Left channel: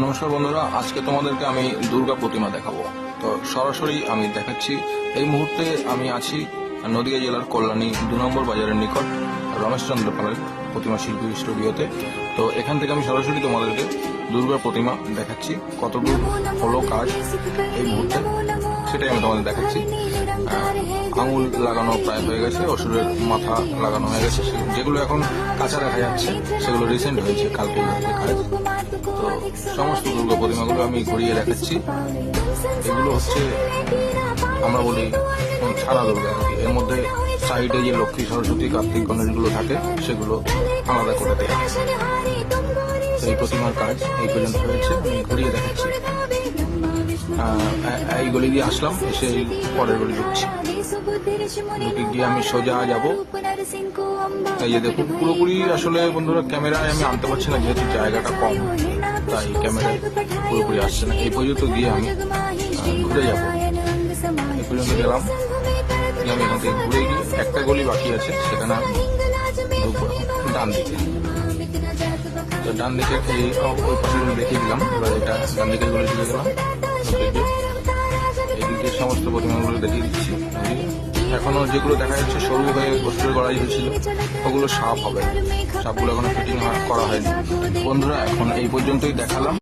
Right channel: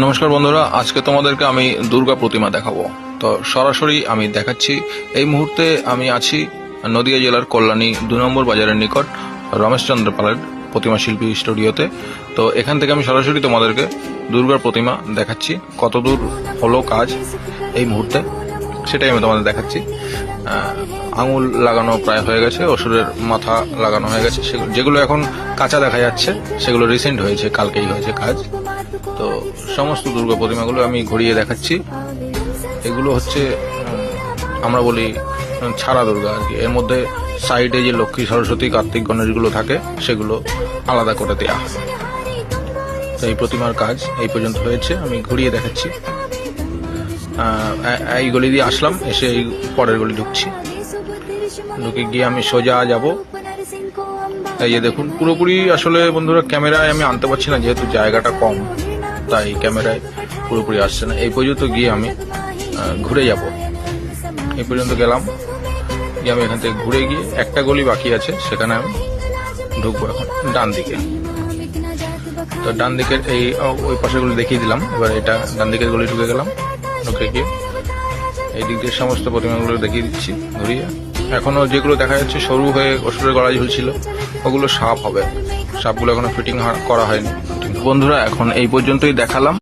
নমস্কার বন্ধুরা, আজকে তোমাদেরকে আমি দুর্গা প্রতিমা দেখাবো। তো সরাসরি আমি দেখাচ্ছি। এই মুহূর্তে আমি আছি নদিয়া জেলার কল্যাণী 2 নম্বর বাজারের নিকট রমেশচন্দ্র পালের প্রতিমা শিল্পী স্টুডিওতে। তো এখান থেকে আমি সরাসরি তোমাদেরকে দুর্গার প্রতিমা দেখাচ্ছি। কত দূর হলো কাজ এই মুহূর্তে সেটাই আমি তোমাদের দেখাচ্ছি। আঙুল লাগানো প্রায় হয়ে গেছে, অসুরের মাথা লাগানো হয়ে গেছে। যেগুলো এখন কাঁচা দেখা যাচ্ছে সেগুলো রিসেন্ট হয়েছে, কালকেই হয়েছে কাজ। তো সমস্ত দুর্গা প্রতিমাগুলো আমি ঘুরিয়ে দেখাচ্ছি। এগুলো হচ্ছে আমরা বলি ছাড়া দুর্গা আর কি। এর মধ্যে সাইডে যে লক্ষ্মী, সরস্বতী, কার্তিক, গণেশগুলো থাকে সেগুলো আলাদা করে দেওয়া হয়। তো এই প্রতিমার কাজ এই পর্যন্ত হয়েছে, আমি ঘুরিয়ে দেখাচ্ছি। এই গলি দিয়ে আসলাম, এসে এই পরের গলি ঢুকছি। ঢুকে গিয়ে আমি সোজা যাব। এই যে দেখুন, পুরোপুরি আসলে বন্ধুরা ক্যামেরায় আমি আনতে পারছি না, যেহেতু জায়গাটা কম, তাই ক্যামেরায় পুরোপুরি আসছে না। এই পর্যন্ত গিয়ে আমি ঘুরে যাব। এই পর্যন্ত গেলাম, গিয়ে আমি এখান থেকে ঘুরে গিয়ে একটা গলি বাকি আছে, সেখানে আমি ঢুকবো এখন ডান দিকে। তো ডান দিকের এই ওই পাশেগুলো দেখিয়ে দিলাম। এবার এটা ডান দিকের গলি ঢুকে গেলাম। ঢুকে গিয়ে এই দিক দিয়ে সমস্ত প্রতিমাগুলো দেখিয়ে দিচ্ছি ঘুরিয়ে। এখনো যেগুলো দেখা যাচ্ছে সরু হয়ে অসুরের গলায় ঝুলছিল, ওগুলো সাপ হবে। সাপগুলো এখনো ফিটিং করা হয়নি। বন্ধুরা, এখন এই পর্যন্তই দেখালাম।